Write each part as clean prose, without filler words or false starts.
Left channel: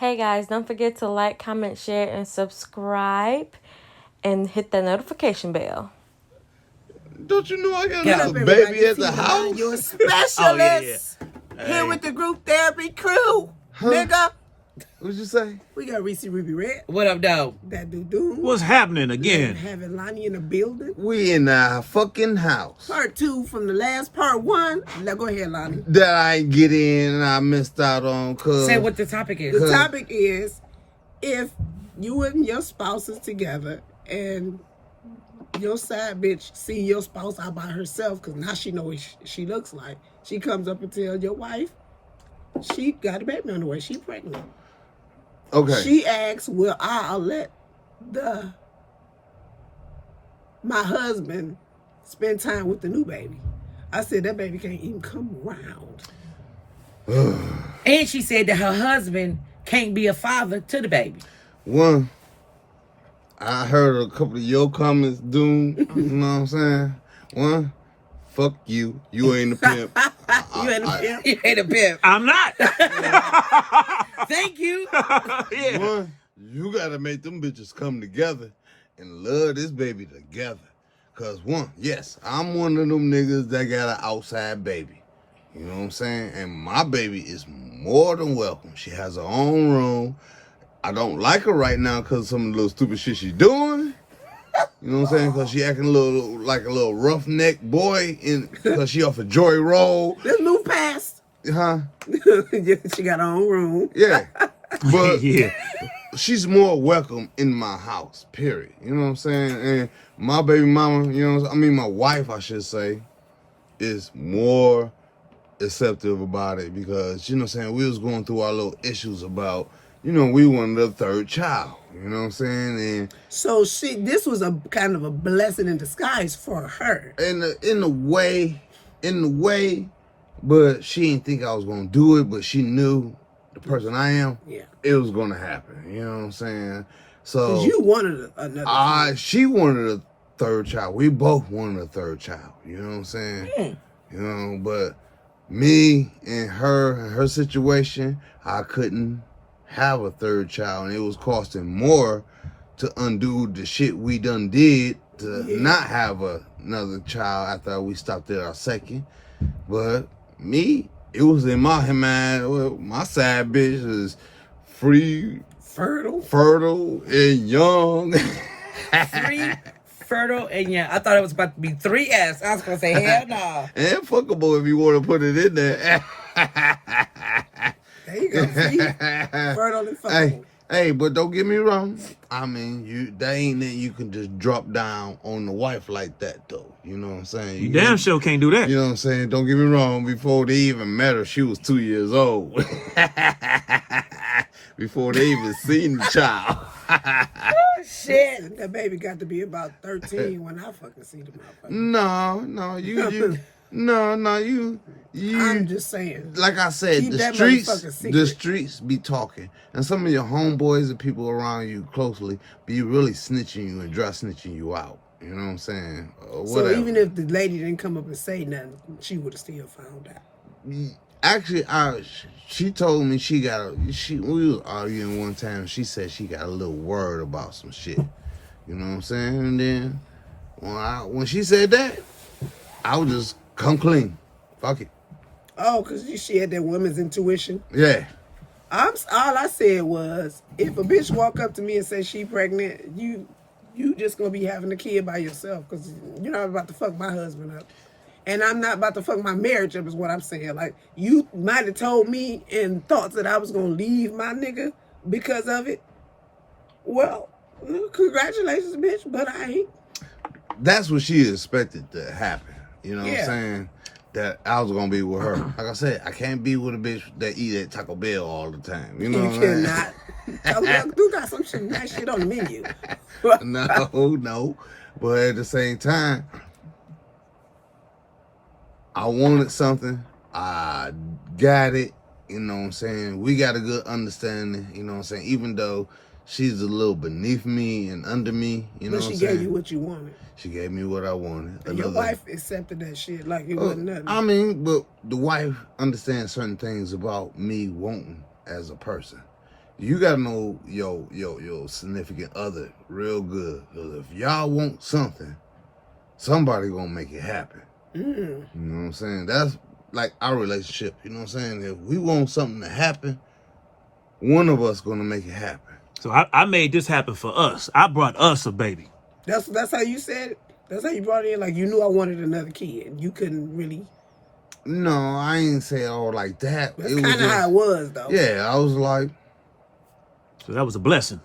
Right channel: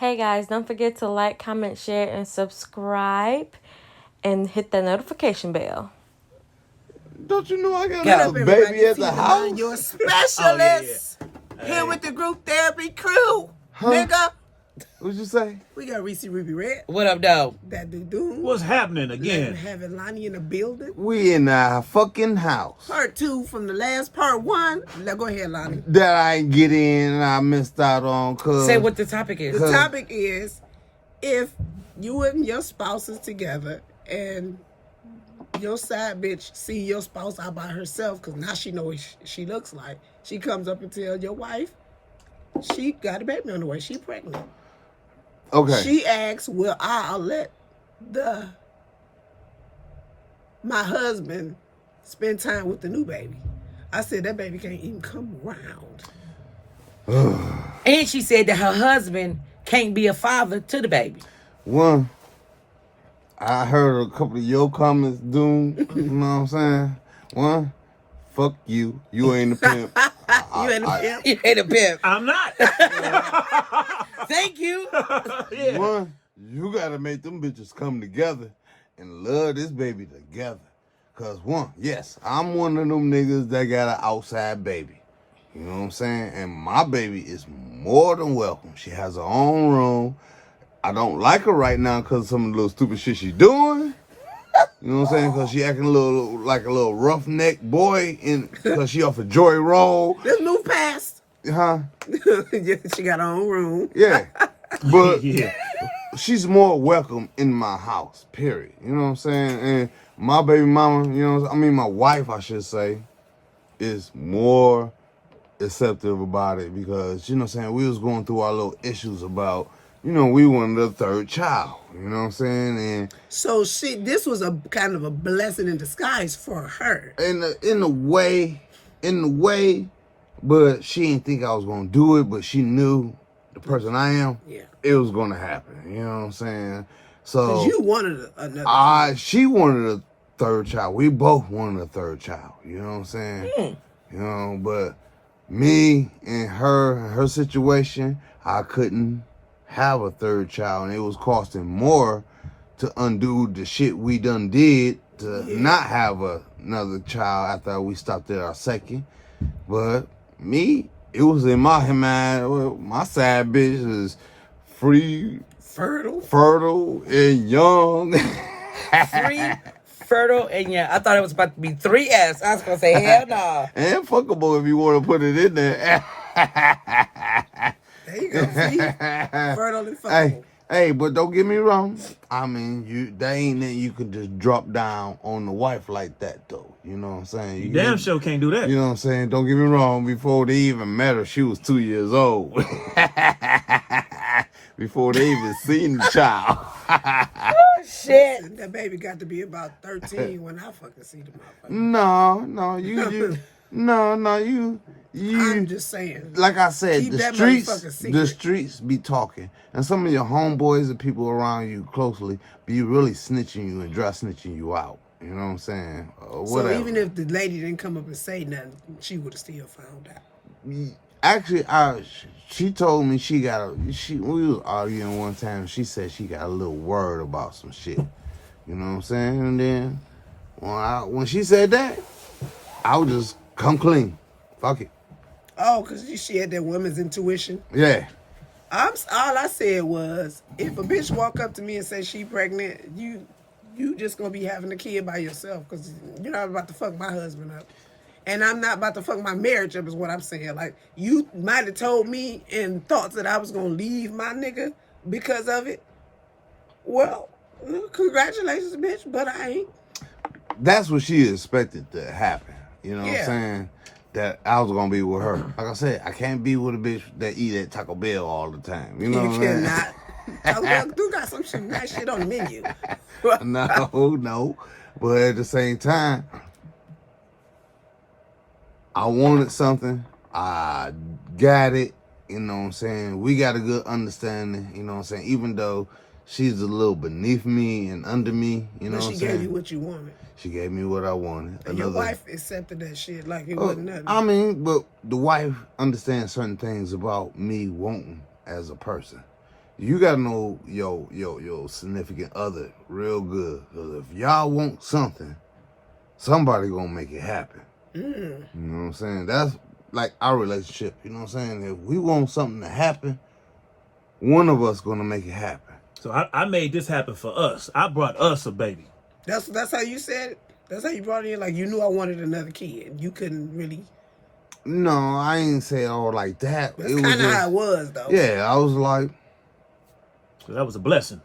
Hey guys, don't forget to like, comment, share, and subscribe, and hit that notification bell. Don't you know I got What a up, everybody? baby at It's the T-Line, your house? specialist. Hey. Here with the group therapy crew. Nigga. What'd you say? We got Reese Ruby Red. What up, dog? That dude. What's happening again? Having Lonnie in the building. We in our fucking house. Part 2 from the last part 1. Now go ahead, Lonnie. That I ain't get in and I missed out on cause Say what the topic is. The topic is if you and your spouse is together and your side bitch see your spouse out by herself because now she knows what she looks like. She comes up and tell your wife she got a baby on the way. She pregnant. Okay. She asks, "Will I let my husband spend time with the new baby?" I said that baby can't even come around. And she said that her husband can't be a father to the baby. One, I heard a couple of your comments, Doom. You know what I'm saying? One, fuck you. You ain't a pimp. You ain't a pimp. You ain't a pimp. I'm not. Thank you. Yeah. One, you gotta make them bitches come together and love this baby together. Cause one, yes, I'm one of them niggas that got an outside baby. You know what I'm saying? And my baby is more than welcome. She has her own room. I don't like her right now because of some of the little stupid shit she's doing. You know what I'm saying? Because she acting a little roughneck boy because she off a Joy Road. Let's move past. Huh? She got her own room. Yeah. But Yeah. she's more welcome in my house, period. You know what I'm saying? And my baby mama, my wife, I should say, is more acceptive about it because, you know what I'm saying, we was going through our little issues about, we wanted a third child. You know what I'm saying? And So this was a kind of a blessing in disguise for her. in a way, but she didn't think I was gonna do it, but she knew the person I am. Yeah. It was gonna happen. You know what I'm saying? So Because you wanted another. she wanted a third child. We both wanted a third child. You know what I'm saying? But me and her situation, I couldn't have a third child, and it was costing more to undo the shit we done did to not have another child after we stopped at our second. But me, it was in my mind, well, my side bitch is free, fertile, and young. Free, fertile, and yeah. I thought it was about to be 3S. I was going to say, hell no. And fuckable if you want to put it in there. There you go, free, fertile, and fuckable. Hey, but don't get me wrong. I mean, that ain't that you can just drop down on the wife like that, though. You know what I'm saying? You damn sure can't do that. You know what I'm saying? Don't get me wrong. Before they even met her, she was 2 years old. Before they even seen the child. Oh, shit. That baby got to be about 13 when I fucking see the motherfucker. No, you. I'm just saying. Like I said, Keep that motherfucker secret. the streets be talking, and some of your homeboys and people around you closely be really snitching you and dry snitching you out. You know what I'm saying? So even if the lady didn't come up and say nothing, she would have still found out. Actually, she told me we was arguing one time. She said she got a little worried about some shit. You know what I'm saying? And then when she said that, I would just come clean. Fuck it. Oh, because she had that woman's intuition. Yeah. All I said was, if a bitch walk up to me and say she pregnant, you just gonna be having a kid by yourself because you're not about to fuck my husband up. And I'm not about to fuck my marriage up is what I'm saying. Like, you might have told me in thoughts that I was gonna leave my nigga because of it. Well, congratulations, bitch, but I ain't. That's what she expected to happen. You know what Yeah. I'm saying? That I was gonna be with her. Like I said, I can't be with a bitch that eat at Taco Bell all the time. You know You what I'm saying? cannot. Taco Bell do got some nice shit on the menu. No. But at the same time, I wanted something. I got it. You know what I'm saying? We got a good understanding. You know what I'm saying? Even though she's a little beneath me and under me. You know But what she I'm gave saying? you what you wanted. She gave me what I wanted. And your wife accepted that shit like it wasn't nothing. I mean, but the wife understands certain things about me wanting as a person. you gotta know your significant other real good. Because if y'all want something, somebody gonna make it happen. You know what I'm saying? That's like our relationship. You know what I'm saying? If we want something to happen, one of us gonna make it happen. So I made this happen for us. I brought us a baby. That's how you said it. That's how you brought it in. Like you knew I wanted another kid. You couldn't really. No, I ain't say it all like that. That's kind of how it was, though. Yeah, I was like, So that was a blessing.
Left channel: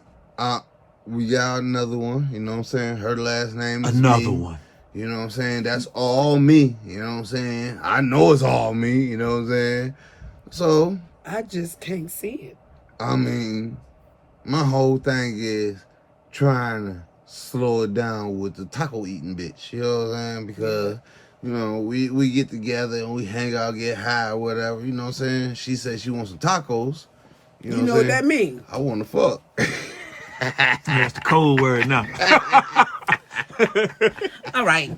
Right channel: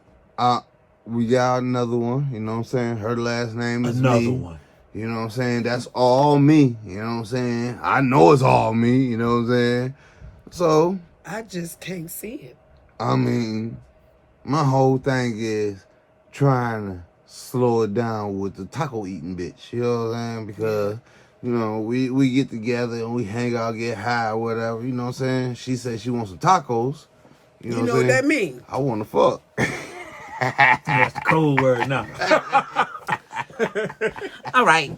we got another one. You know what I'm saying? Her last name is Another me. one. You know what I'm saying? That's all me. You know what I'm saying? I know it's all me. You know what I'm saying? So, I just can't see it. I mean, my whole thing is trying to slow it down with the taco eating bitch. You know what I'm saying? Because, you know, we get together and we hang out, get high or whatever. You know what I'm saying? She said she wants some tacos. You know what that means? I want to fuck. That's the cold word now. All right.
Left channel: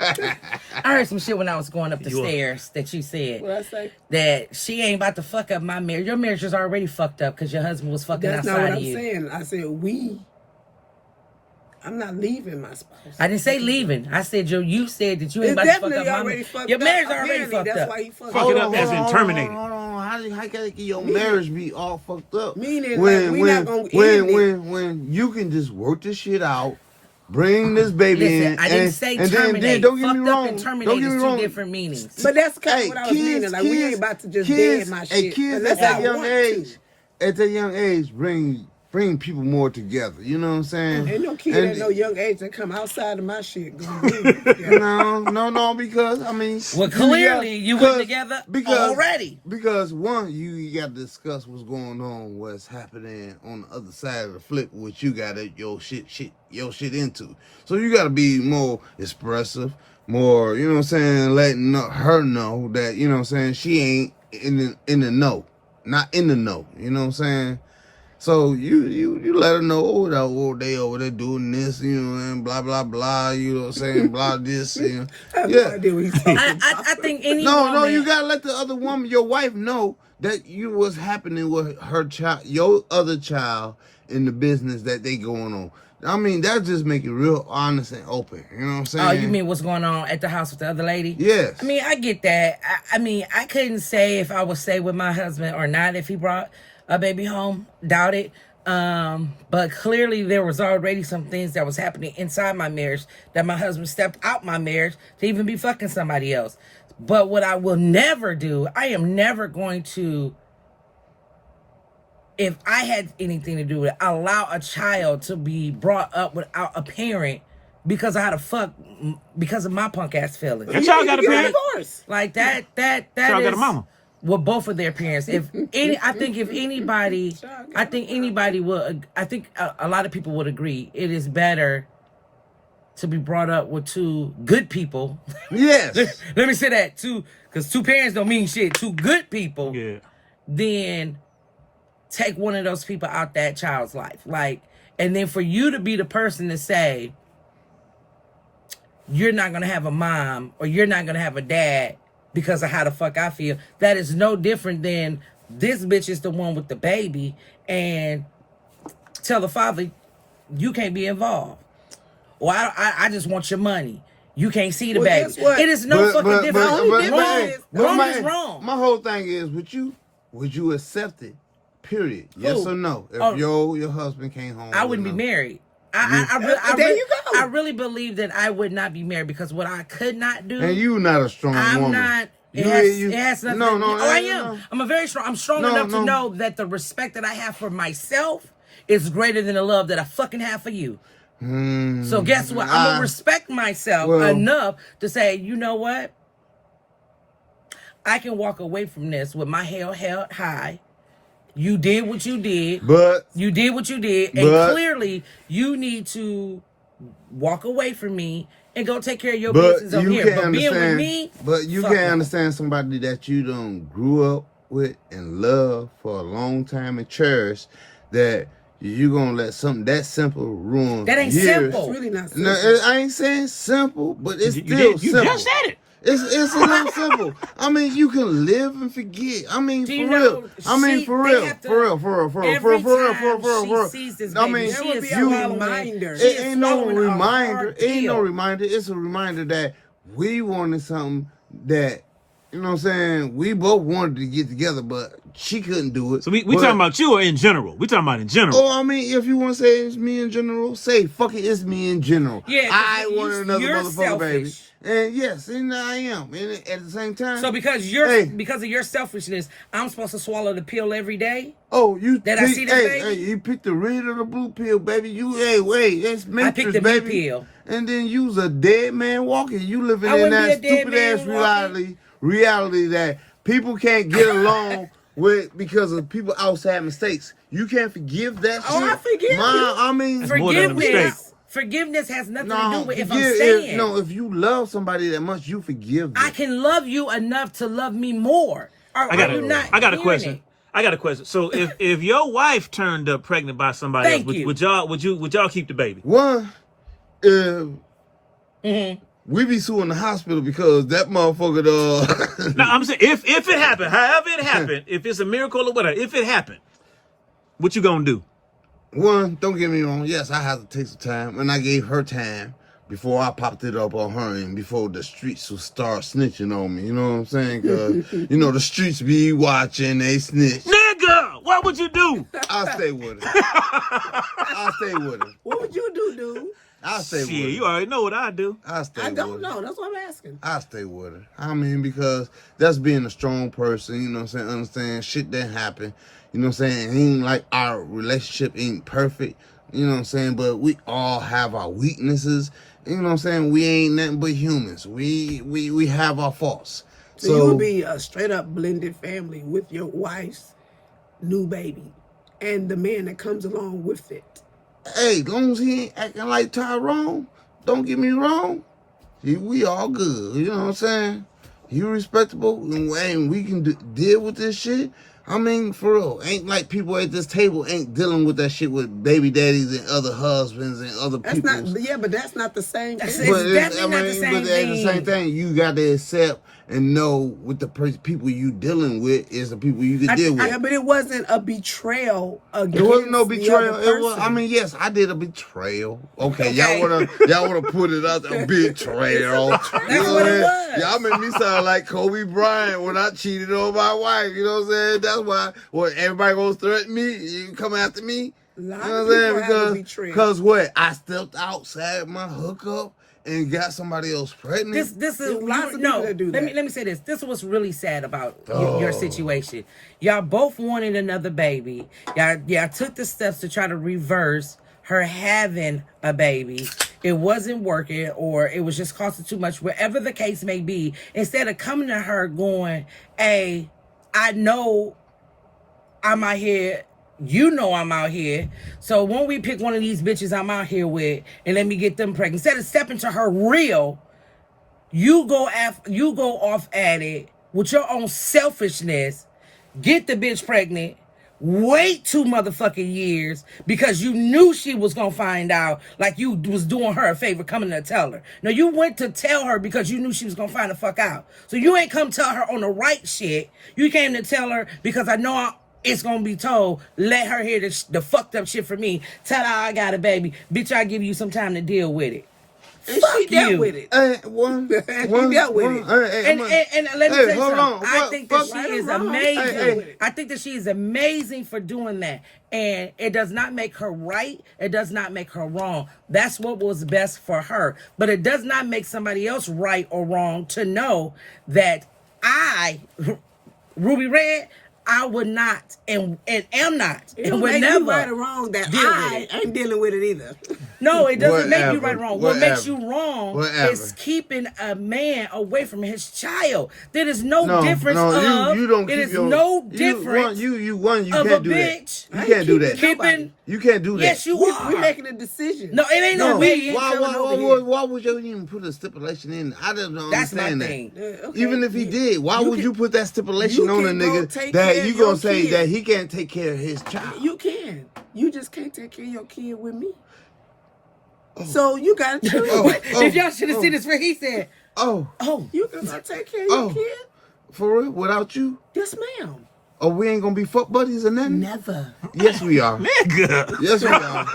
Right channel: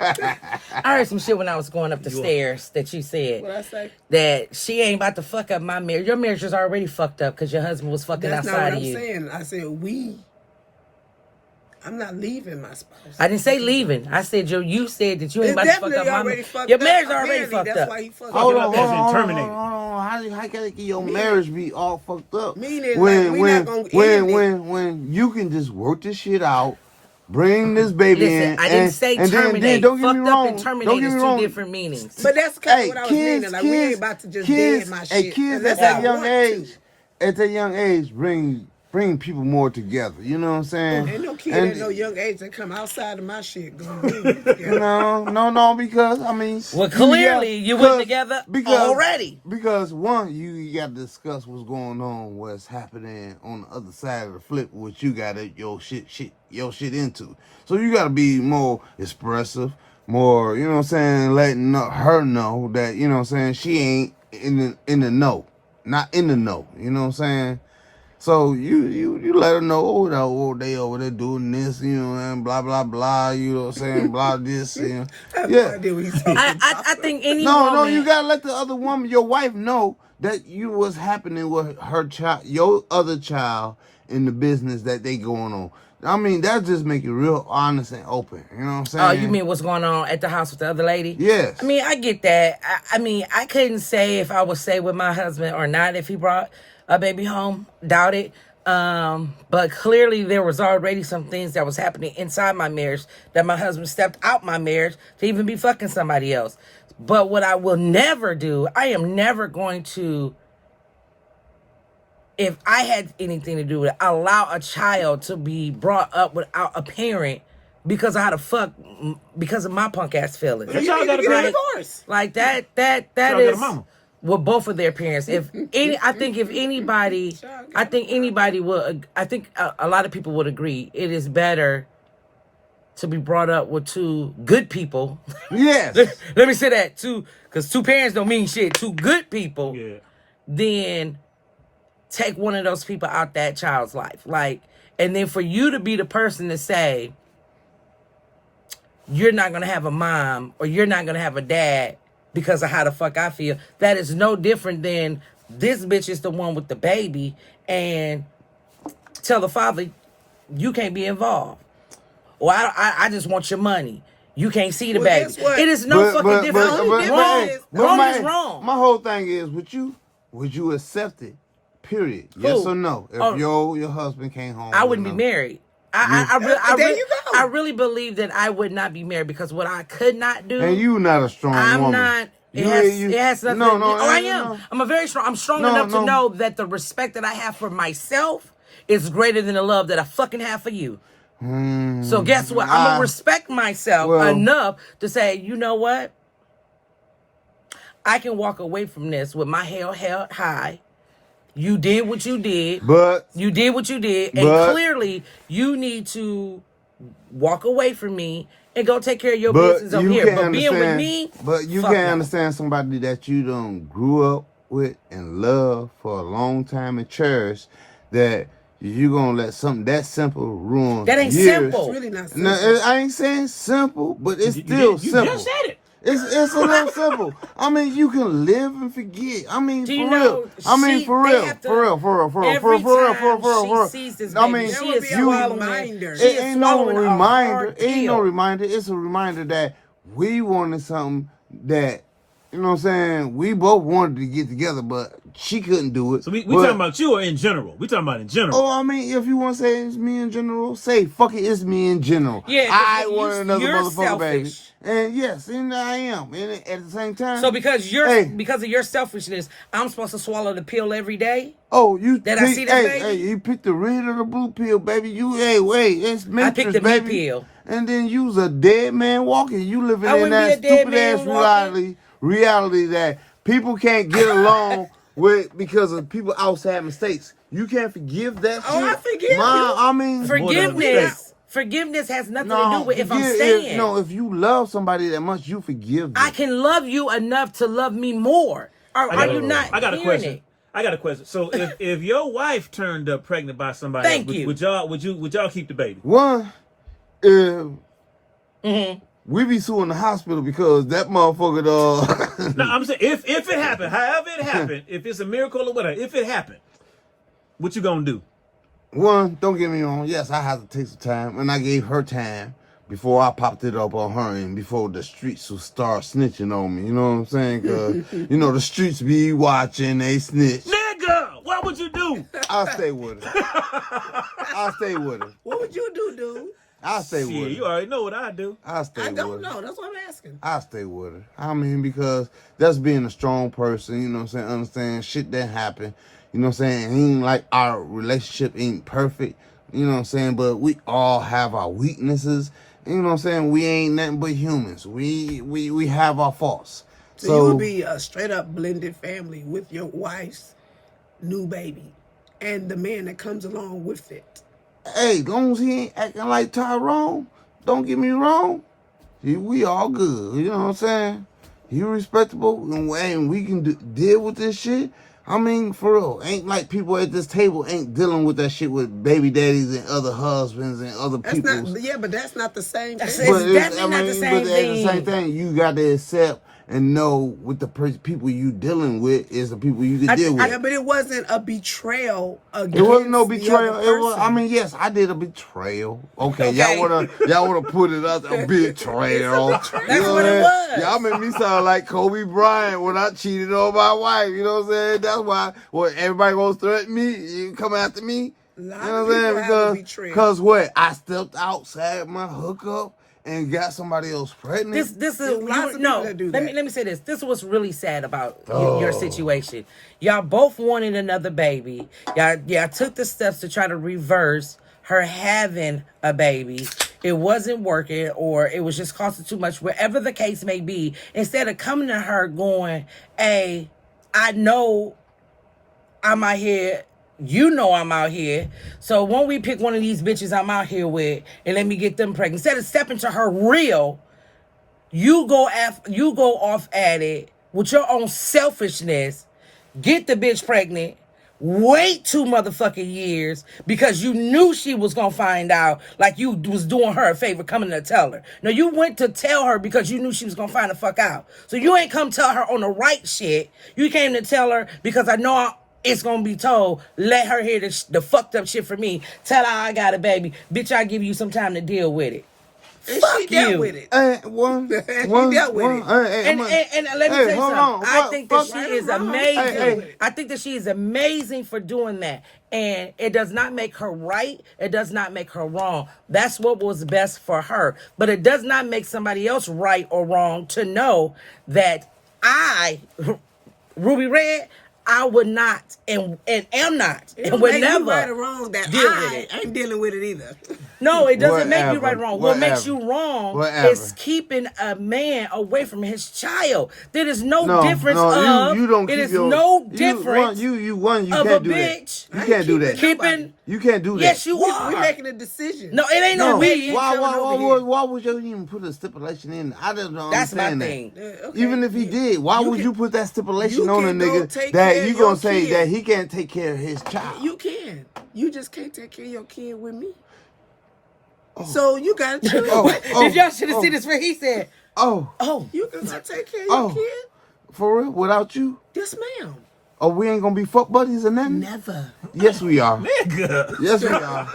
I heard some shit when I was going up the stairs that you said What I say? that she ain't about to fuck up my marriage. Your marriage is already fucked up because your husband was fucking That's outside not what of I'm you. saying. I said we. I'm not leaving my spouse. I didn't say leaving. I said you said that you ain't It's about to fuck definitely up my already marriage. fucked Your up. marriage already Apparently, fucked that's up. why he fucked Fuck it up. up as in terminated. How can your marriage be all fucked up? Meaning, like, we not gonna end it. When you can just work this shit out, bring this baby in. Listen, I didn't say and terminate. Then, don't get me Fucked up wrong. and Don't terminate get is me two wrong. different meanings. But that's kind of Hey, what I was meaning. Like, we ain't about to just dead my shit kids unless at I that young want age, to. At that young age, bring people more together. You know what I'm saying? Ain't no kid at no young age that come outside of my shit gonna bring me together. No, because I mean, Well, clearly you went together already. Because one, you got to discuss what's going on, what's happening on the other side of the flip, what you got your shit into. So you got to be more expressive, more, you know what I'm saying, letting her know that, you know what I'm saying, she ain't in the know, not in the know. You know what I'm saying? So you let her know, they over there doing this, you know, and blah blah blah. You know what I'm saying? Blah this. You know. I have no idea what he's saying. I think any No, woman. you gotta let the other woman, your wife, know that you was happening with her child, your other child, in the business that they going on. I mean, that just make it real honest and open. You know what I'm saying? Oh, you mean what's going on at the house with the other lady? Yes. I mean, I get that. I mean, I couldn't say if I would stay with my husband or not if he brought a baby home. Doubt it. But clearly there was already some things that was happening inside my marriage that my husband stepped out my marriage to even be fucking somebody else. But what I will never do, I am never going to, if I had anything to do with it, allow a child to be brought up without a parent because I had to fuck because of my punk ass feelings. That child got a Get a parent. divorce. Like that Child got is a mama. well, both of their parents. If I think if anybody, I think anybody will. I think a lot of people would agree. It is better to be brought up with two good people. Yes. Let me say that because two parents don't mean shit. Two good people, Yeah. then take one of those people out that child's life. Like, and then for you to be the person to say you're not gonna have a mom or you're not gonna have a dad because of how the fuck I feel. That is no different than this bitch is the one with the baby and tell the father you can't be involved. Or I just want your money. You can't see the Well, baby. guess what? It is no fucking difference. Wrong is my, wrong. My whole thing is, would you accept it? Period. Yes Who? or no? If Oh. your husband came home, I wouldn't be married. I There you go. I really believe that I would not be married because what I could not do. And you not a strong I'm woman. not. It You- has nothing. No, to no, oh, I no, am. no. I'm a very strong. I'm strong No, enough to no. know that the respect that I have for myself is greater than the love that I fucking have for you. So guess what? I'm gonna respect myself enough to say, you know what? I can walk away from this with my head held high. You did what you did. You did what you did, and clearly you need to walk away from me and go take care of your business over here. But being with me, but you fuck can't no. understand somebody that you done grew up with and love for a long time and cherish that you gonna let something that simple ruin. That ain't years. simple. It's really not No, simple. I ain't saying simple, but it's You still did- you simple. just said it. It's a little simple. I mean, you can live and forget. I mean, Do you for know, real. I mean, she- for they real. have to- For real. For real. For real. every For real. time For real. she sees this I baby, mean, she There would is be a swallowing reminder. She is ain't no swallowing a reminder. hard Ain't no pill. reminder. It's a reminder that we wanted something that, you know what I'm saying, we both wanted to get together, but she couldn't do it. So we But- talking about you or in general? We talking about in general. Oh, I mean, if you want to say it's me in general, say fuck it, it's me in general. Yeah, I because want another you're motherfucker, baby. selfish. And yes, and I am. And at the same time, So because Hey. because of your selfishness, I'm supposed to swallow the pill every day. oh, you Did I see this, hey, baby? Hey, you picked the red or the blue pill, baby. You wait, it's Matrix, picked the blue baby. pill. And then you's a dead man walking. You living I in wouldn't that be a dead stupid ass man walking. reality that people can't get along with because of people outside mistakes. You can't forgive that. Oh, shit. I forgive you. I mean, more than a mistake. Forgiveness has nothing to do with if I'm staying. If you love somebody that much, you forgive them. I can love you enough to love me more. Are you not? I got a hearing question. it? I got a question. So if your wife turned up pregnant by somebody Thank else, you. would y'all keep the baby? One, we be suing the hospital because that motherfucker, No, I'm saying if it happened, however it happened, if it's a miracle or whatever, if it happened, what you gonna do? One, don't get me wrong. Yes, I had to take some time, and I gave her time before I popped it up on her, and before the streets would start snitching on me. You know what I'm saying? Because the streets be watching, they snitch. Nigga, what would you do? I'll stay with her. I'll stay with her. What would you do, dude? I'll stay with Shit, her. you already know what I do. I'll stay I with don't her. know. That's what I'm asking. I stay with her. I mean, because that's being a strong person, you know what I'm saying? Understand shit that happen. You know what I'm saying? It ain't like our relationship ain't perfect, you know what I'm saying? But we all have our weaknesses. You know what I'm saying? We ain't nothing but humans. We have our faults. So you would be a straight up blended family with your wife's new baby and the man that comes along with it. Hey, as long as he ain't acting like Tyrone, don't get me wrong. We all good. You know what I'm saying? He respectable, and we can deal with this shit. I mean, for real, ain't like people at this table ain't dealing with that shit with baby daddies and other husbands and other That's people. not, yeah, but that's not the same That's thing. it. definitely not the same but at the same thing. thing, you got to accept and know with the people you dealing with is the people you can deal with. Yeah, but it wasn't a betrayal against It wasn't no the betrayal. other person. I mean, yes, I did a betrayal. Okay, Okay. y'all wanna put it out there, betrayal. It's a betrayal. That's what it was. Y'all made me sound like Kobe Bryant when I cheated on my wife. You know what I'm saying? That's why everybody gonna threaten me. You come after me. A lot You know of what I'm people saying? have a betrayal. Because what? I stepped outside my hookup and got somebody else pregnant. This There's is lots of people that do that. Let me say this. This is what's really sad about your situation. Y'all both wanted another baby. Y'all took the steps to try to reverse her having a baby. It wasn't working, or it was just costing too much, whatever the case may be. Instead of coming to her going, hey, I know I'm out here. You know I'm out here. So when we pick one of these bitches I'm out here with and let me get them pregnant, instead of stepping to her real, you go off at it with your own selfishness, get the bitch pregnant, wait 2 motherfucking years because you knew she was gonna find out, like you was doing her a favor coming to tell her. No, you went to tell her because you knew she was gonna find the fuck out. So you ain't come tell her on the right shit. You came to tell her because I know it's gonna be told. Let her hear the fucked up shit from me. Tell her I got a baby. Bitch, I give you some time to deal with it. And Fuck she dealt you. with it. He dealt with it. And let me tell you hold something. on. I think that Fuck she right is or wrong, amazing. she dealt with it. I think that she is amazing for doing that. And it does not make her right. It does not make her wrong. That's what was best for her. But it does not make somebody else right or wrong to know that I, Ruby Red, I would not and am not It and don't would make never you right or wrong that deal with I it. ain't dealing with it either. No, it doesn't make you Whatever, right or wrong. What makes whatever, you wrong whatever. is keeping a man away from his child. There is no difference of. you don't It keep is your, no you difference you of can't a do bitch. That. I You ain't can't do keeping that. nobody. You can't do that. Yes, you are. We're making a decision. No, it ain't no No, baby. baby ain't Why, coming over here. why would you even put a stipulation in? I don't That's my understand that. thing. Yeah, okay. Even if he did, why you would can- you put that stipulation you on a can go nigga take care that of you your gonna say kid. that he can't take care of his child? You can. You just can't take care of your kid with me. So you gotta choose. Oh, If y'all should have seen this, where he said, Oh, You can go take care of your Oh. kid? For real? Without you? Yes, ma'am. Oh, we ain't gonna be fuck buddies or nothing? Never. Yes, we are. Nigga. Yes, we are.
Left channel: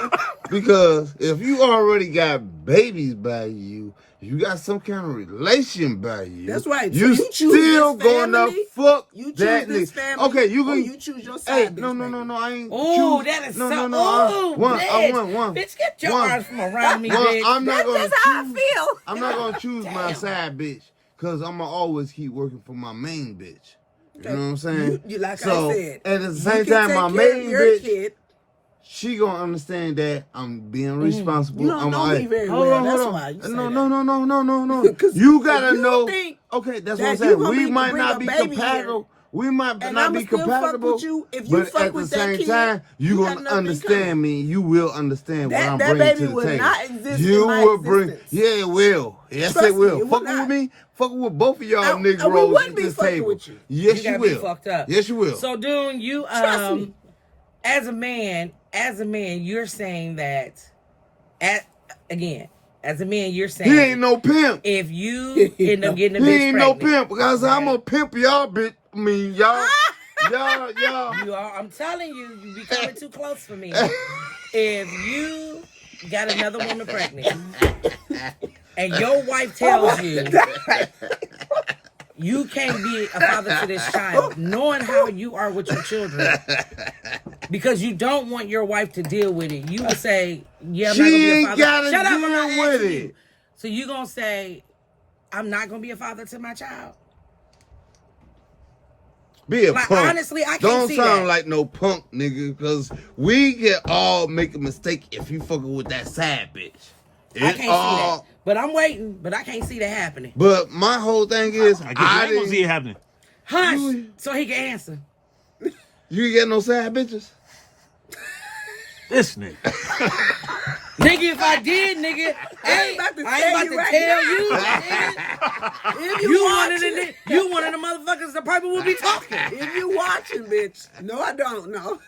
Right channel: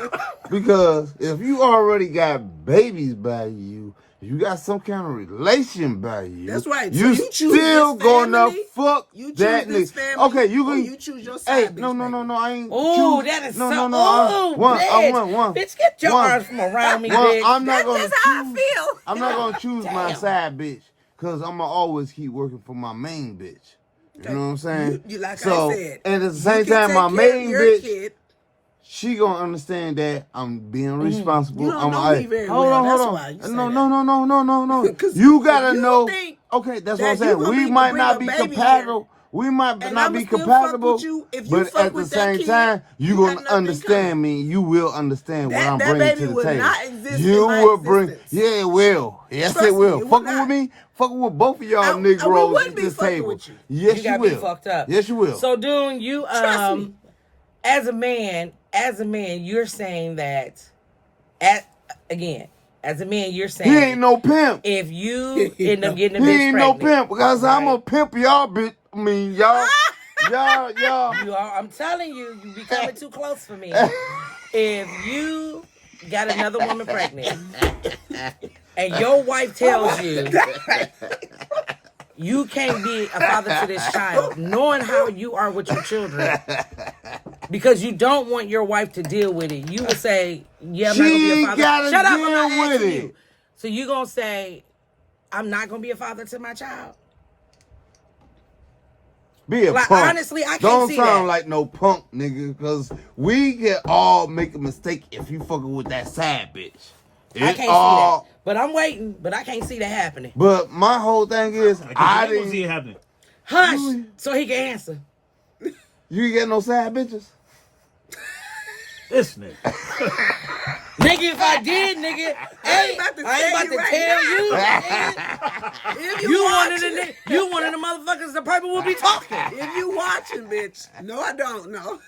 Because if you already got babies by you, if you got some kind of relation by you, That's right. So You you choose still this gonna family? fuck You choose that this nigga. family? Okay, you or gonna you choose your Hey, side bitch? no, I ain't. oh, choose- that is no, so. no, Oh, one, bitch. Bitch, get your one. arms from around me, bitch. I'm not That's gonna just how I choose- feel. I'm not gonna choose my Damn. side bitch because I'm gonna always keep working for my main bitch. You know what I'm saying? You like So, I said. and at the you same can time, take my care of main your bitch, kid. she gonna understand that I'm being responsible. You don't I'm know like, me very hold well. on, That's hold on. why you say no, that. no. 'Cause You gotta if you know. think Okay, that's that what I'm you saying. gonna We be- might bring not a be baby compatible. We might and not I'ma be still fuck compatible. with you if you but fuck at with the that same kid, time, you you got gonna nothing understand coming. me. You will understand what I'm That bringing baby to the will table. not exist you in my will bring. existence. Yeah, it will. Yes, Trust it will. me, it will Fucking not. with me. Fucking with both of y'all I- niggas. we wouldn't be this fucking table. with you. Yes, You you gotta will. be fucked up. Yes, you will. So, Dune, you Trust me. as a man, you're saying that. As a man, you're saying he ain't no pimp. if you end up getting a He bitch ain't no pregnant, pimp because I'm a pimp, y'all bitch. I mean, y'all. you are. I'm telling you, you becoming too close for me. If you got another woman pregnant, and your wife tells you you can't be a father to this child, knowing how you are with your children, because you don't want your wife to deal with it, you would say, "Yeah, I'm not gonna be a She father." gotta Shut up! I'm deal not with asking it. you. So you gonna say, "I'm not gonna be a father to my child"? Be a Like, punk. honestly, I can't Don't see sound that. like no punk, nigga, because we can all make a mistake if you fucking with that sad bitch. I can't see that. But I'm waiting. But I can't see that happening. But my whole thing is, I guess you ain't gonna see it happening. Hush, so he can answer. You ain't get no sad bitches. This nigga. Nigga, if I did, nigga, I ain't about to I tell ain't about you to right tell now. you. If You you one of watching, the you one of the motherfuckers that probably will be talking. if you watching, bitch. No, I don't know.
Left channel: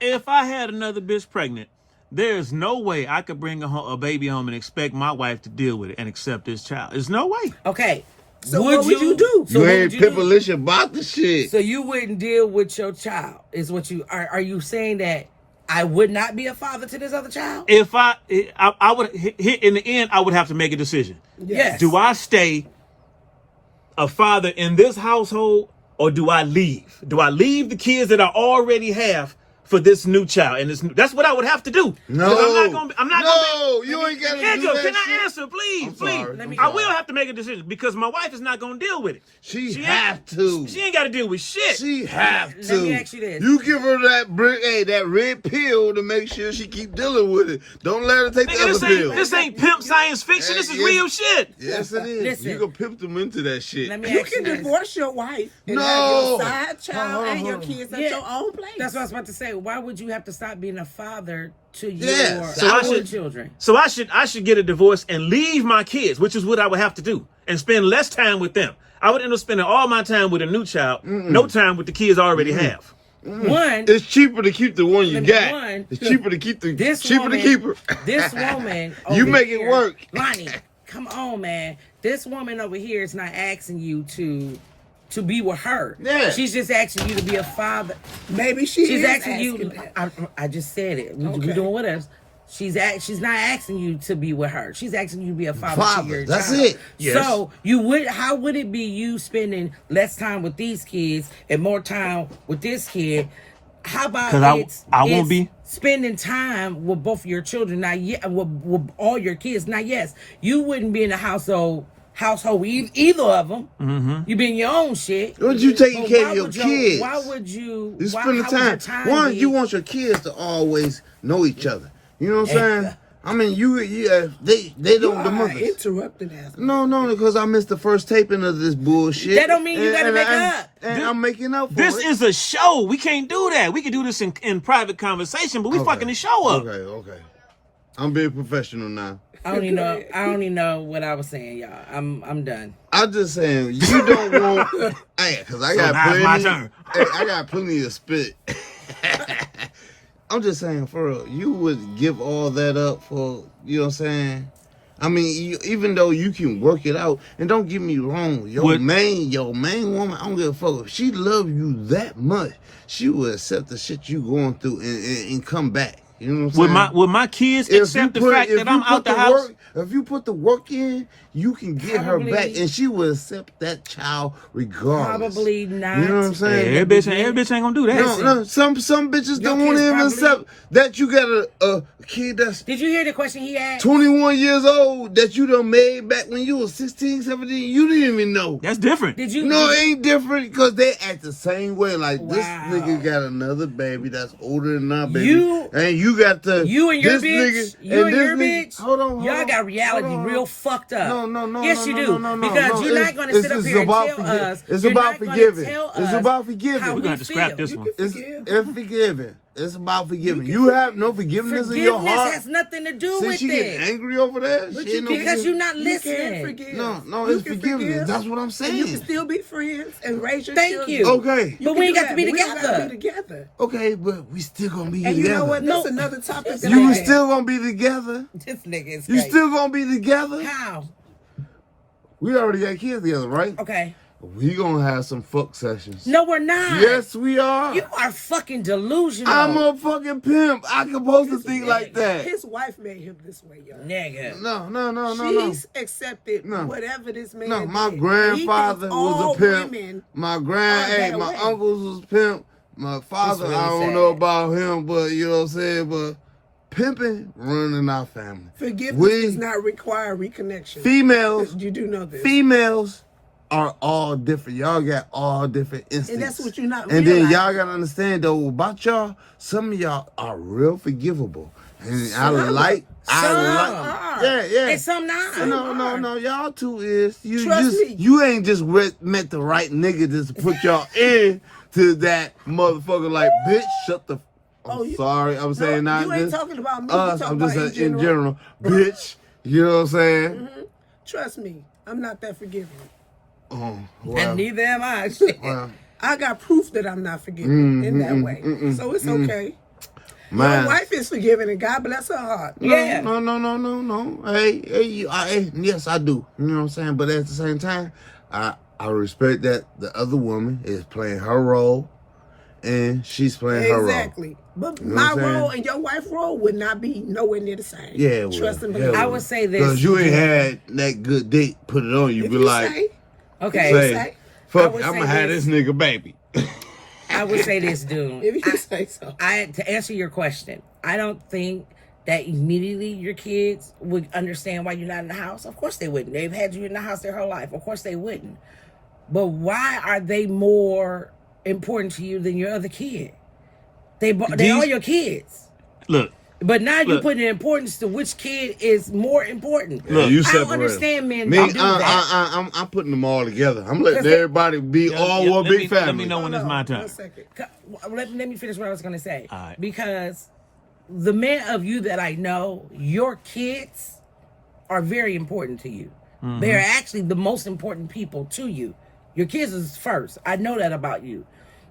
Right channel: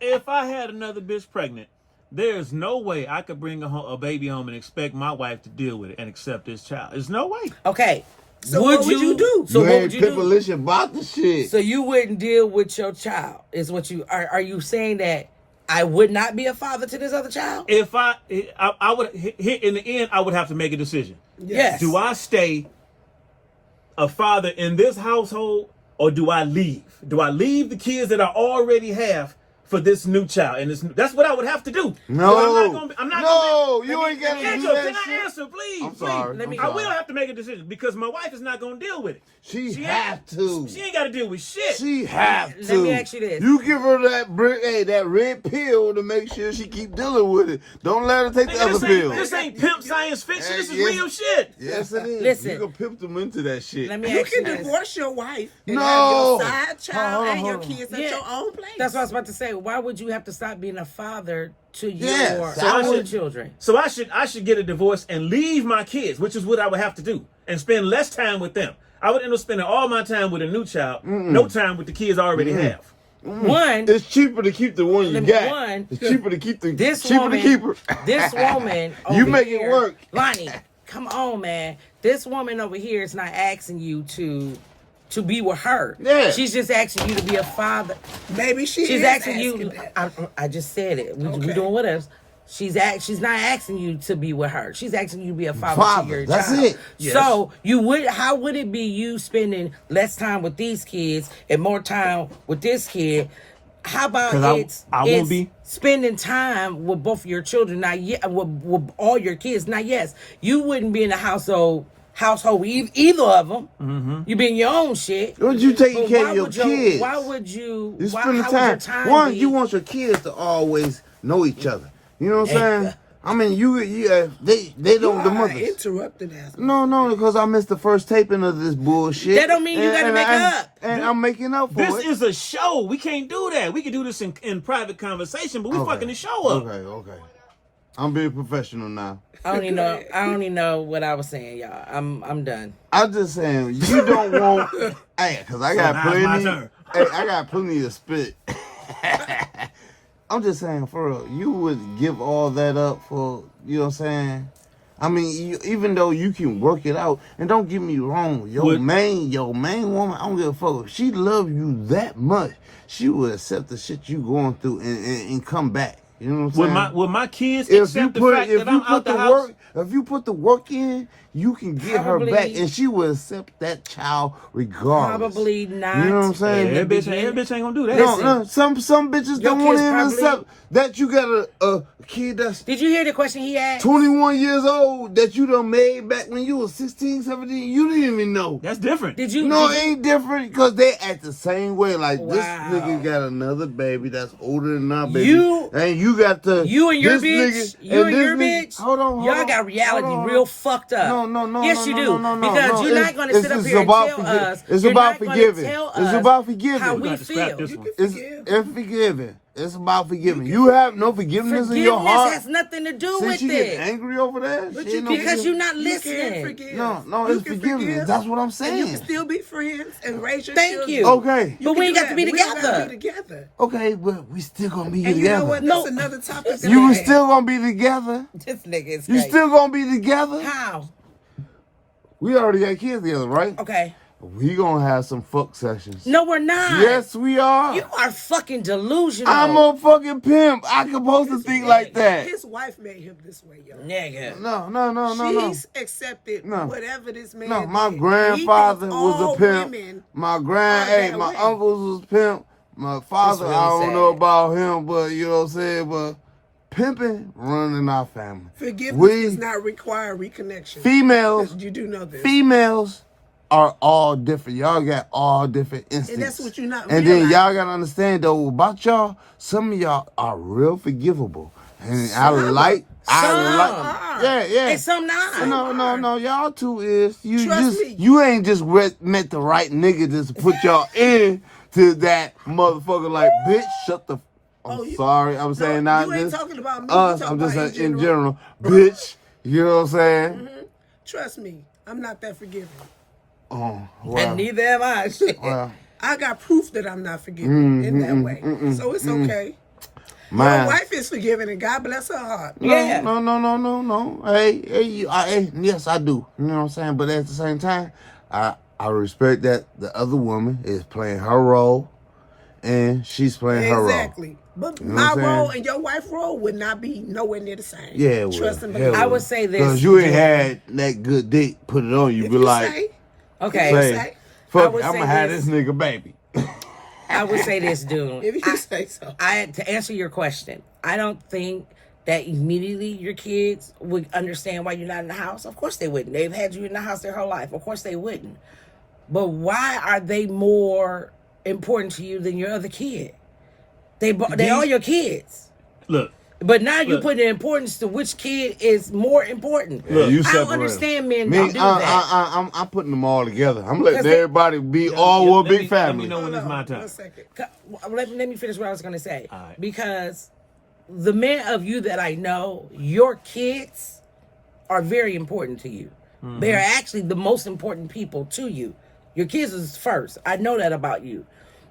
If I had another bitch pregnant, there's no way I could bring a baby home and expect my wife to deal with it and accept this child. There's no way. Okay. So what would you do? So You what ain't would you do? pimpalish about the shit. So you wouldn't deal with your child? Is what you are you saying that I would not be a father to this other child? If I would in the end, I would have to make a decision. Yes. Do I stay a father in this household or do I leave? Do I leave the kids that I already have for this new child? And that's what I would have to do. No. I'm not No, gonna you ain't gotta do Angel, that can I shit. answer, please? I'm Please. sorry. I will have to make a decision because my wife is not gonna deal with it. She have to. She ain't got to deal with shit. She have Let to. me ask you this. You give her that red pill to make sure she keep dealing with it. Don't let her take the Nigga, other pill. this ain't pimp science fiction. This is Yes. real shit. Yes, it is. Listen. You can pimp them into that shit. Let me You ask can this. divorce your wife and have No. your side child and your Uh-huh. kids at Yeah. your own place. That's what I was about to say. Why would you have to stop being a father to Yes. your So I own should- children? So I should get a divorce and leave my kids, which is what I would have to do, and spend less time with them. I would end up spending all my time with a new child, no time with the kids I already have. One, It's cheaper to keep the one you Let me- got. one, It's cheaper to keep the this cheaper woman, to keep her. this woman, You over make it here- work. Lonnie, come on, man. This woman over here is not asking you to be with her. Yeah. She's just asking you to be a father. Maybe she She's is asking you. that. I just said it. We Okay. doing what else? She's not asking you to be with her. She's asking you to be a father to your That's child. it. Yes. So how would it be you spending less time with these kids and more time with this kid? How about 'Cause I won't it's be- spending time with both of your children? Now, with all your kids. Now, yes, you wouldn't be in a household with either of them. Mm-hmm. You be in your own shit. What you taking But care why of your would kids? Why would you? You why, spend the how would your time. One, be- you want your kids to always know each other. You know what I'm saying? I mean, they You don't. The are mothers. interrupted as No, because I missed the first taping of this bullshit. That don't mean you gotta make I'm- up. And I'm making up for This it. is a show. We can't do that. We can do this in private conversation, but we fucking the show up. Okay. I'm being professional now. I don't even know what I was saying, y'all. I'm done. I'm just saying you don't want. Hey, because I got now it's my plenty. turn. Hey, I got plenty of spit. I'm just saying, for real, you would give all that up for, you know what I'm saying? I mean, even though you can work it out, and don't get me wrong, your main woman, I don't give a fuck. If she love you that much, she will accept the shit you going through and come back. You know what I'm saying? Would my kids accept the fact that I'm out the house? If you put the work in, you can get her back, and she will accept that child regardless. Probably not. You know what I'm saying? Every bitch ain't gonna do that. No, some bitches Your don't want kids to even probably- accept that you got a kid that's Did you hear the question he asked? 21 years old that you done made back when you was 16, 17. You didn't even know. That's different. Did you? No, did it you- ain't different because they act the same way. Like this Wow. nigga got another baby that's older than our baby. You- and you got the You and your this bitch, nigga, you and this your nigga- bitch, Hold on, y'all got reality hold on. real fucked up. No. Yes, no, you no, do. no, because no. you're not going to sit up here and tell us. It's you're about not gonna forgiving. tell It's us about forgiving. how We're we gonna have to scrap feel. this You one. can It's, forgive. it's forgiving. It's about forgiving. You have no forgiveness in your Forgiveness heart. has nothing to do Since with you get it. angry over that, But she you ain't can't, Because you're not You listening. can forgive. No, you it's can forgiveness. forgive. That's what I'm saying. And you can still be friends and raise your Thank children. you. Okay. You But can we do got that, to be but we don't gotta together. be together. Okay, but we still gonna be And together. you know what? No. That's another topic that You I was had. still gonna be together. This nigga is You crazy. still gonna be together. How? We already got kids together, right? Okay. We gonna have some fuck sessions. No, we're not. Yes, we are. You are fucking delusional. I'm a fucking pimp. I supposed to think like that. His wife made him this way, yo. Nigga. No. She's accepted No. whatever this man No, my did. grandfather He thinks was all a pimp. women My that my way. uncles was pimp. My father, That's really I don't sad. know about him, but you know what I'm saying. But pimping running our family. Forgiveness We- does not require reconnection. Females, You do know this. females are all different. Y'all got all different instincts. And that's what you're not And then realizing. y'all gotta understand though about y'all. Some of y'all are real forgivable, and Some I like. are. Yeah. And some not. No. Y'all two is you Trust just me. you ain't just met the right nigga just to put y'all in to that motherfucker. Like bitch, shut the. I'm sorry, I'm No, saying not you ain't this. talking about me. You talking I'm about just in saying general. bitch. You know what I'm saying? Trust me, I'm not that forgiving. Oh, well, And neither am I. well, I got proof that I'm not forgiving in that way. So it's okay. my Your wife is forgiving, and God bless her heart. Yeah. No. Hey, yes, I do. You know what I'm saying? But at the same time, I respect that the other woman is playing her role, and she's playing her role. Exactly. But You know my what I'm role saying? and your wife's role would not be nowhere near the same. Yeah, it Trust will. and Yeah, it believe. I will. would say this. Because you ain't had that good dick put it on you. If Be you like, say, Okay. you say, say. I fuck, would I'm say gonna have this. this nigga baby. I would say this, dude. If you say so. To answer your question, I don't think that immediately your kids would understand why you're not in the house. Of course they wouldn't. They've had you in the house their whole life. Of course they wouldn't. But why are they more important to you than your other kid? They are your kids. Look, But now you Look. put the importance to which kid is more important. Yeah, you I separate don't understand men Me, don't do that. I'm putting them all together. I'm letting 'Cause they- everybody be all yeah, one let big me family. know when Hold it's on, my turn. 1 second. Let me finish what I was going to say. All right. Because the men of you that I know, your kids are very important to you. Mm-hmm. They're actually the most important people to you. Your kids is first. I know that about you.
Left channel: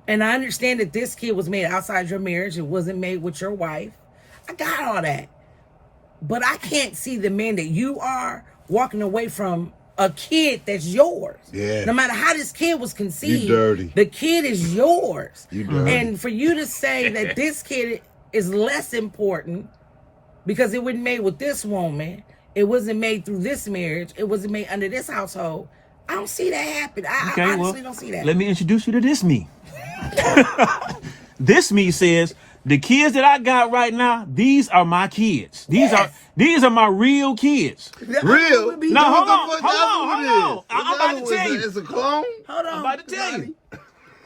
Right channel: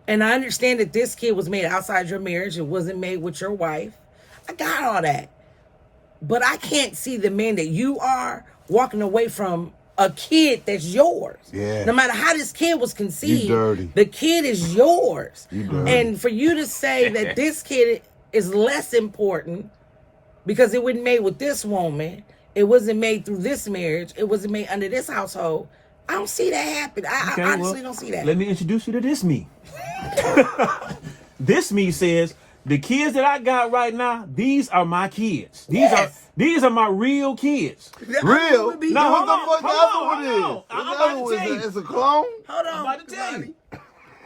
And I understand that this kid was made outside your marriage. It wasn't made with your wife. I got all that. But I can't see the man that you are walking away from a kid that's yours. Yeah. No matter how this kid was conceived, dirty. the kid is yours. You dirty. And for you to say that this kid is less important because it wasn't made with this woman, it wasn't made through this marriage, it wasn't made under this household, I don't see that happen. I honestly don't see that. Let me introduce you to this me. This me says, the kids that I got right now, these are my kids. These are my real kids. The other Real? one would be No, What yours. the fuck the hold other on, one hold on. is? I'm What's the about other to one? tell you. It's a clone? Hold on. I'm about to tell you. Ronnie.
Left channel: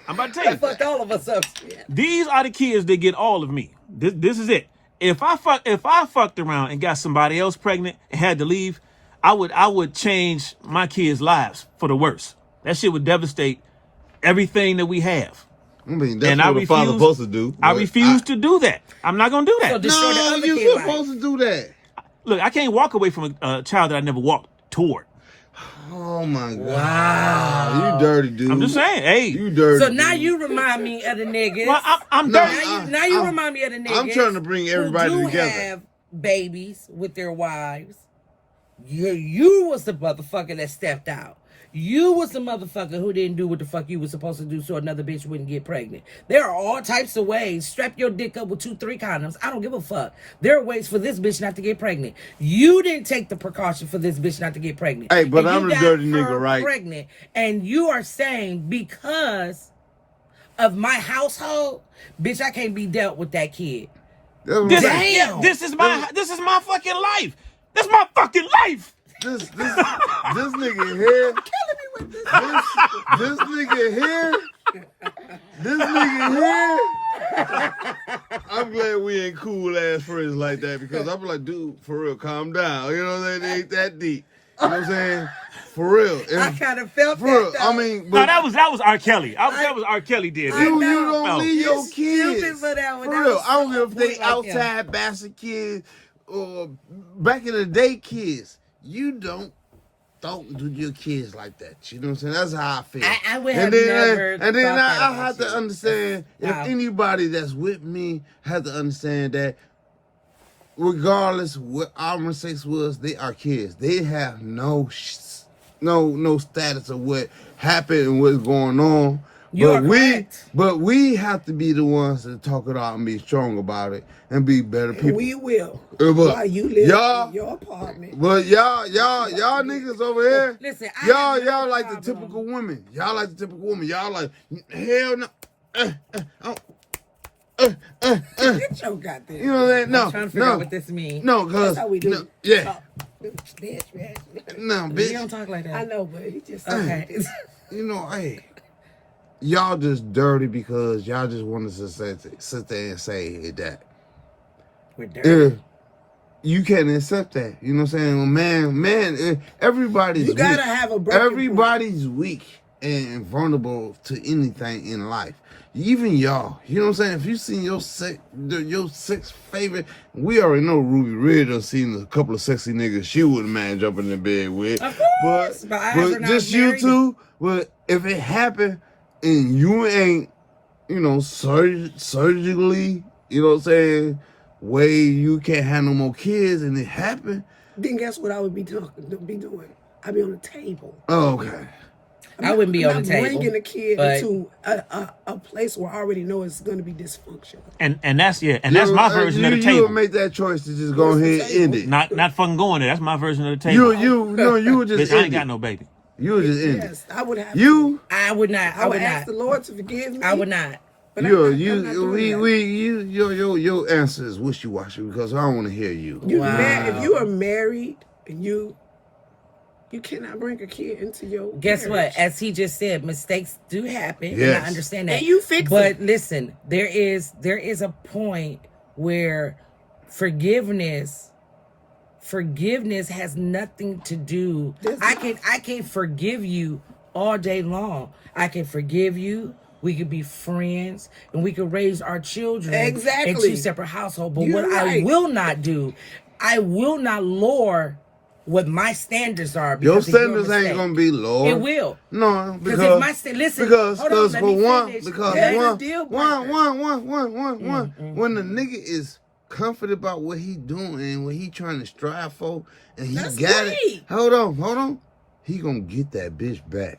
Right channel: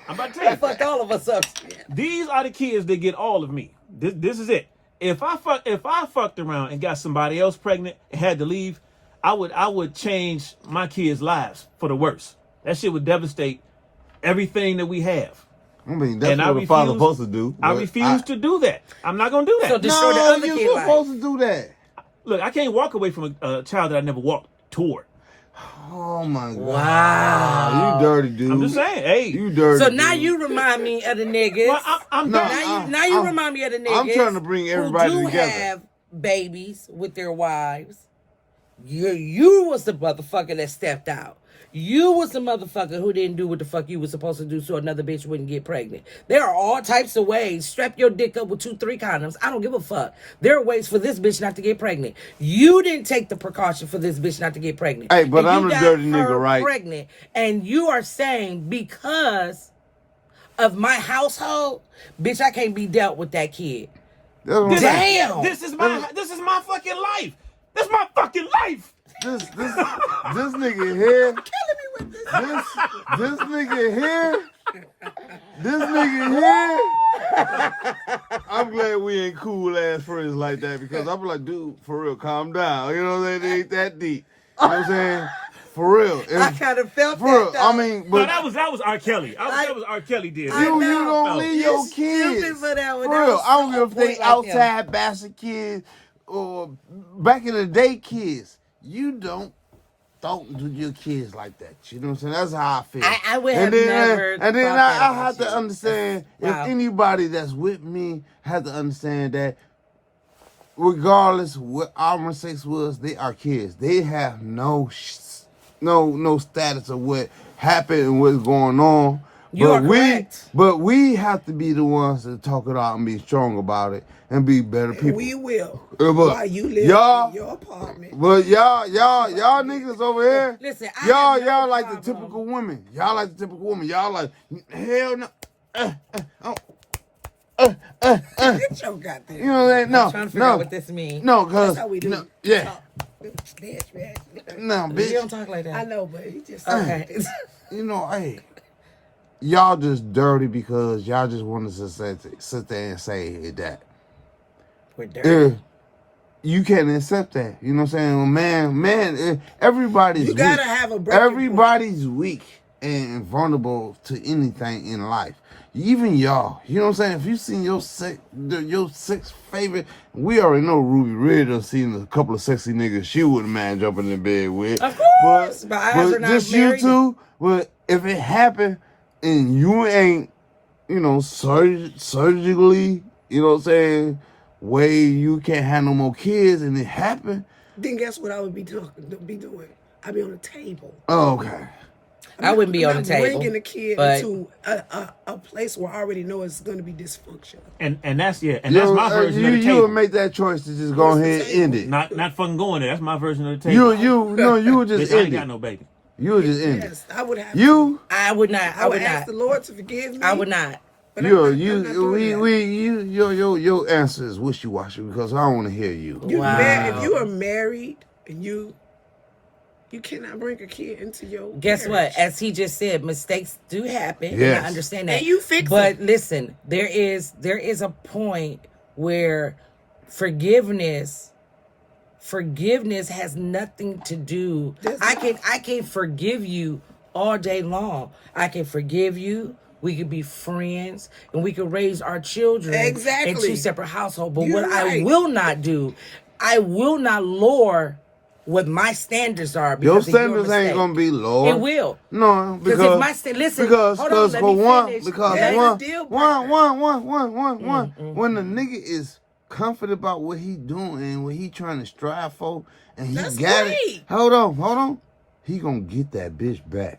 I'm about to tell you. Fucked all of us up. These are the kids that get all of me. This is it. If I fucked around and got somebody else pregnant and had to leave, I would change my kids' lives for the worse. That shit would devastate everything that we have. I mean, that's And I what a father refuse- supposed to do. I but refuse to do that. I'm not gonna do that. So destroy the No, other you're kid life. supposed to do that. Look, I can't walk away from a child that I never walked toward. Oh my god. Wow. You dirty dude. I'm just saying, hey. You dirty. So now dude. you remind me of the niggas. Well, I'm No, done. Now you I'm- remind me of the niggas. I'm trying to bring everybody who do together. have babies with their wives, You was the motherfucker that stepped out. You was the motherfucker who didn't do what the fuck you was supposed to do so another bitch wouldn't get pregnant. There are all types of ways. Strap your dick up with 2-3 condoms. I don't give a fuck. There are ways for this bitch not to get pregnant. You didn't take the precaution for this bitch not to get pregnant. Hey, but And I'm you the got dirty nigga, her right? Pregnant, and you are saying because of my household, bitch, I can't be dealt with that kid. Damn. This is my fucking life. This is my fucking life. This nigga here. Killing me with this. This nigga here. This nigga here. I'm glad we ain't cool ass friends like that because I'm like, dude, for real, calm down. You know what I'm saying? It ain't that deep. You know what I'm saying? For real. I kind of felt For that. real. Though. I mean, No, but that was R. Kelly. That was R. Kelly did. I you know. don't leave You your stupid kids. for that one. For That real. was I don't so give a point fuck like him. outside bastard kids or back in the day kids. You don't do your kids like that. You know what I'm saying? That's how I feel. I would have never And then thought that I about have to you. understand Wow. if anybody that's with me has to understand that regardless what our sex was, they are kids. They have no status of what happened and what's going on. You are correct. But we have to be the ones to talk it out and be strong about it and be better people. We will. But While you live y'all- in your apartment. But y'all niggas over here, Listen, I y'all have no like the problem. typical women. Y'all like the typical woman. Y'all like, hell no. Get your goddamn. You know what I'm saying? No, I'm trying to figure out what this means. No, cause That's how we do. no, yeah, Talk. Bitch. no, You bitch. don't talk like that. I know, but he just Okay. You know, hey, y'all just dirty because y'all just wanted to sit there and say that. We're dirty. If you can't accept that, you know what I'm saying? Man, everybody's You gotta weak. have a breaking point. Everybody's weak and vulnerable to anything in life. Even y'all, you know what I'm saying? If you seen your six favorite, we already know Ruby Red done seen a couple of sexy niggas she wouldn't mind jumping in bed with. Of course, but I have her not just married. you two. But if it happened and you ain't, you know, surgically, you know what I'm saying, way you can't have no more kids, and it happened. Then guess what I would be doing? I'd be on the table. Oh, okay. I wouldn't be I'm on not the table. bringing the kid but- into a place where I already know it's going to be dysfunctional. And that's that's my version of the You table. would make that choice to just go What's the ahead and end table? it. Not fucking going there. That's my version of the table. You would just Bitch, I end ain't got it. no baby. You would just end it. Yes, I would have. You, I would not. I would ask the Lord to forgive me. I would not. But you, I'm not doing that. your answer is wishy-washy because I don't want to hear you. If you are married and you cannot bring a kid into your Guess marriage. what? As he just said, mistakes do happen, and Yes. I understand that. And you fix But them. listen, there is a point where forgiveness has nothing to do. Does I not. can forgive you all day long. I can forgive you. We could be friends, and we could raise our children Exactly. in 2 separate households. But You're what I right. will not do, I will not lower what my standards are. Your Because of your standards ain't mistake. gonna be low. It will. No, Because because if my listen, because hold on, let for me one, finish. because That's a one, deal when the nigga is confident about what he doing and what he trying to strive for, and he That's got it. great. Hold on, he gonna get that bitch back.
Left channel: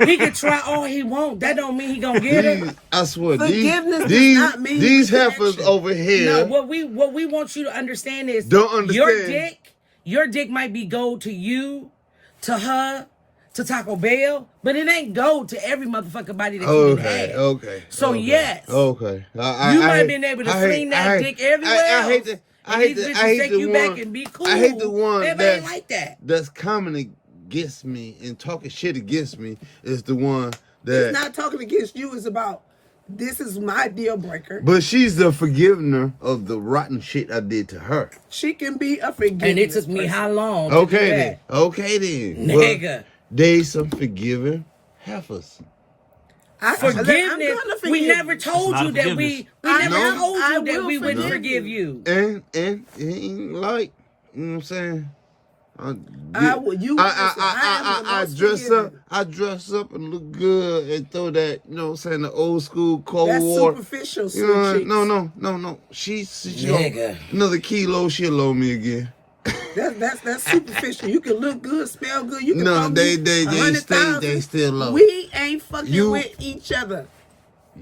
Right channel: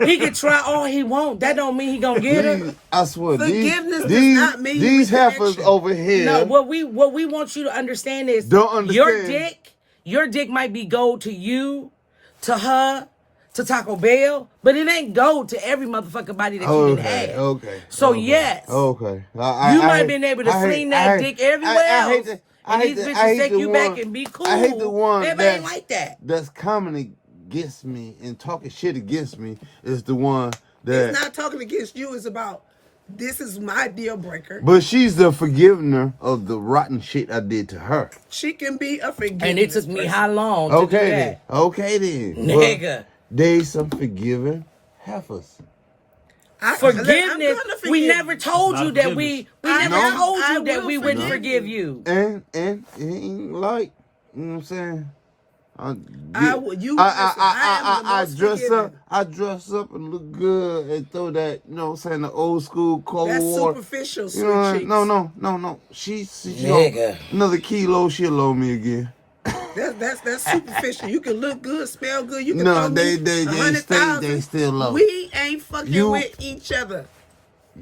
He can try all he want. That don't mean he gonna get her. I swear, Forgiveness does these, not mean these reconnection. heifers over here. No, what we want you to understand is Don't understand. Your dick might be gold to you, to her, to Taco Bell, but it ain't gold to every motherfucking body that you can have. Okay. So okay, yes. Okay. You might have been able to fling that dick everywhere else. I And hate these the, bitches I hate take the you one, back and be cool. I hate the one Everybody ain't like that. that's coming against me and talking shit against me is the one that. It's not talking against you. It's about this is my deal breaker. But she's the forgivener of the rotten shit I did to her. She can be a forgiveness And it took me person. how long to Okay do then. that? Okay then. Nigga. But they some forgiving heifers. I'm Forgiveness. gonna forgive We never you. told It's you not that forgiveness. we never I told you that will we wouldn't forgive forgive you. you. And it ain't like, you know what I'm saying? I dress up and look good and throw that, you know what I'm saying, the old school Cold That's War. superficial, You sweet know, cheeks. no. She Nigga. another kilo, she'll owe me again. That's superficial. You can look good, smell good. You can No, throw me they 100,000. they still love. We ain't fucking You- with each other.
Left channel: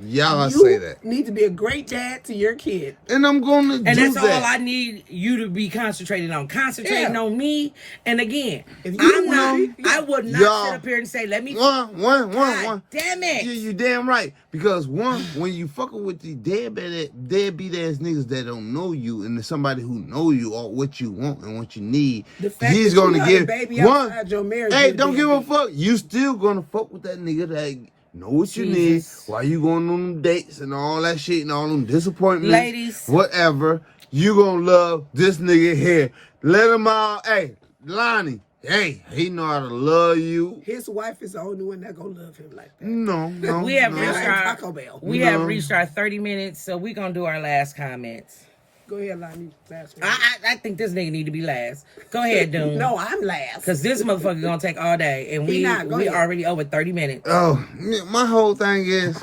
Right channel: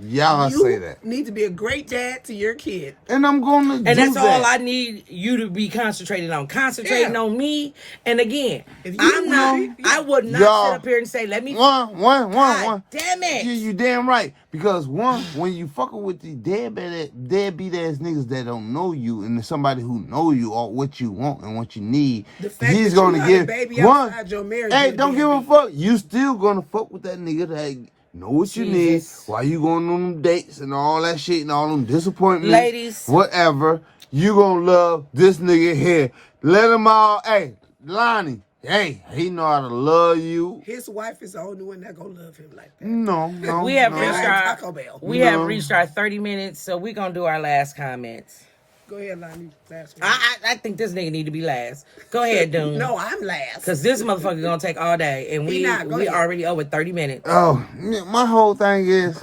Y'all You say that. need to be a great dad to your kid. And I'm gonna do And that's that. all I need you to be concentrating on. Concentrating Yeah. on me. And again, If you I'm wanna not. be- I would not Y'all- sit up here and say, "Let me." One. God damn it! You damn right. Because one, when you fucking with the deadbeat ass niggas that don't know you, and there's somebody who know you or what you want and what you need, The fact he's that you gonna got a give baby one. outside your marriage, Hey, you a don't give a deadbeat. fuck. You still gonna fuck with that nigga that know what you need. Jesus. While you going on them dates and all that shit and all them disappointments, Ladies. whatever. You gonna love this nigga here. Let him all. Hey, Lonnie. Hey, he know how to love you. His wife is the only one that gonna love him like that. No. We have no. reached Like our Taco Bell. we have reached our 30 minutes, so we're gonna do our last comments. Go ahead, Lonnie. Last one. I think this nigga need to be last. Go ahead, Doom. No, I'm last. Cause this motherfucker gonna take all day, and He we not. Go we ahead. already over 30 minutes. Oh, my whole thing is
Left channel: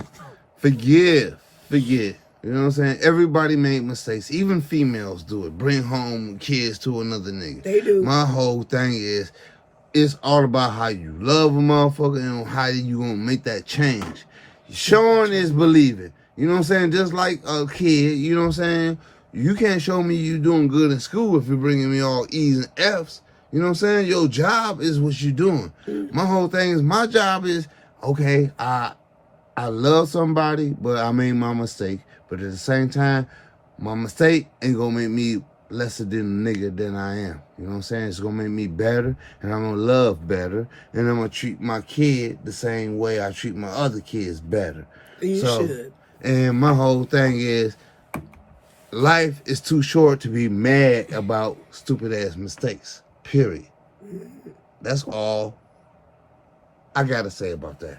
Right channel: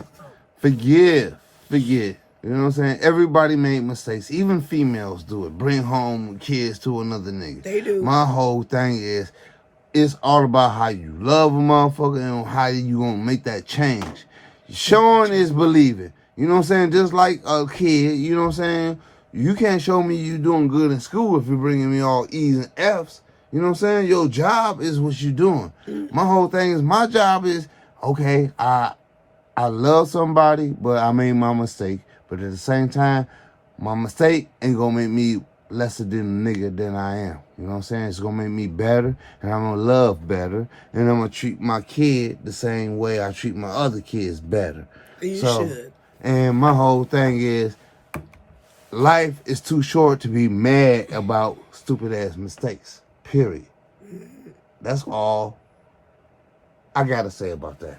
forgive. You know what I'm saying? Everybody made mistakes. Even females do it. Bring home kids to another nigga. They do. My whole thing is it's all about how you love a motherfucker and how you gonna make that change. Showing is believing. You know what I'm saying? Just like a kid, you know what I'm saying? You can't show me you doing good in school if you're bringing me all E's and F's. You know what I'm saying? Your job is what you're doing. My whole thing is my job is, okay, I love somebody, but I made my mistake. But at the same time, my mistake ain't gonna make me lesser than a nigga than I am. You know what I'm saying? It's gonna make me better, and I'm gonna love better, and I'm gonna treat my kid the same way I treat my other kids better. You should. And my whole thing is, life is too short to be mad about stupid ass mistakes. Period. That's all I gotta say about that.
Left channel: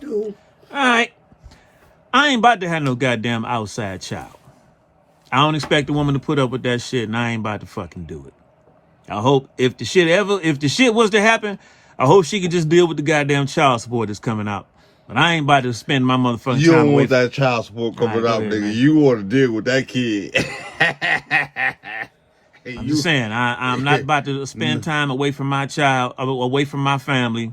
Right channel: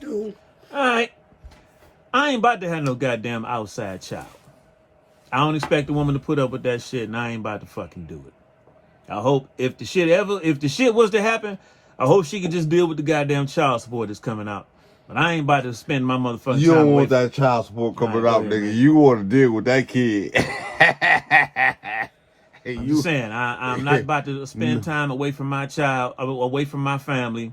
Dude. All right. I ain't about to have no goddamn outside child. I don't expect a woman to put up with that shit, and I ain't about to fucking do it. I hope if the shit was to happen, I hope she could just deal with the goddamn child support that's coming out. But I ain't about to spend my motherfucking You time don't away want from- that child support coming All right, out, go ahead, nigga. man. You want to deal with that kid. I'm just saying, I'm not about to spend time away from my child, away from my family,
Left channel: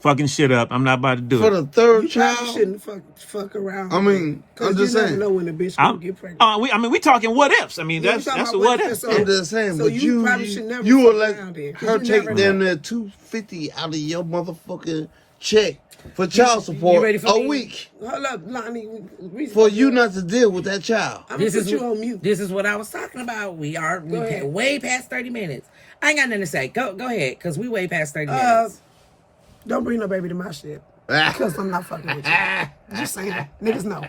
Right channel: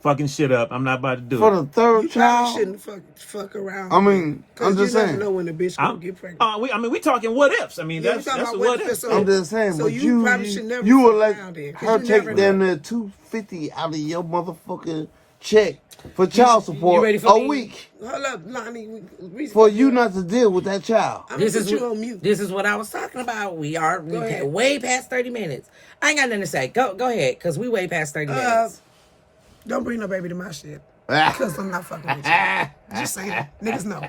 fucking shit up. I'm not about to do For it. the third You child. probably shouldn't fuck around. I mean, because I'm you just never saying. know when a bitch gonna I'm- get pregnant. we talking what ifs. I mean, Yeah, we that's talking a about what what if. ifs, so- I'm just saying, So but you probably should never you fuck would let around then, 'cause her you take never damn know. near $250 out of your motherfucking check for child you support ready for a me? week Hold up, Lonnie. for you not to deal with that child. I'm gonna put you on mute. This is what I was talking about. We ahead. way past 30 minutes. I ain't got nothing to say. Go ahead, because we way past 30 minutes. Don't bring no baby to my shit. Because I'm not fucking with you. Just saying. Niggas know.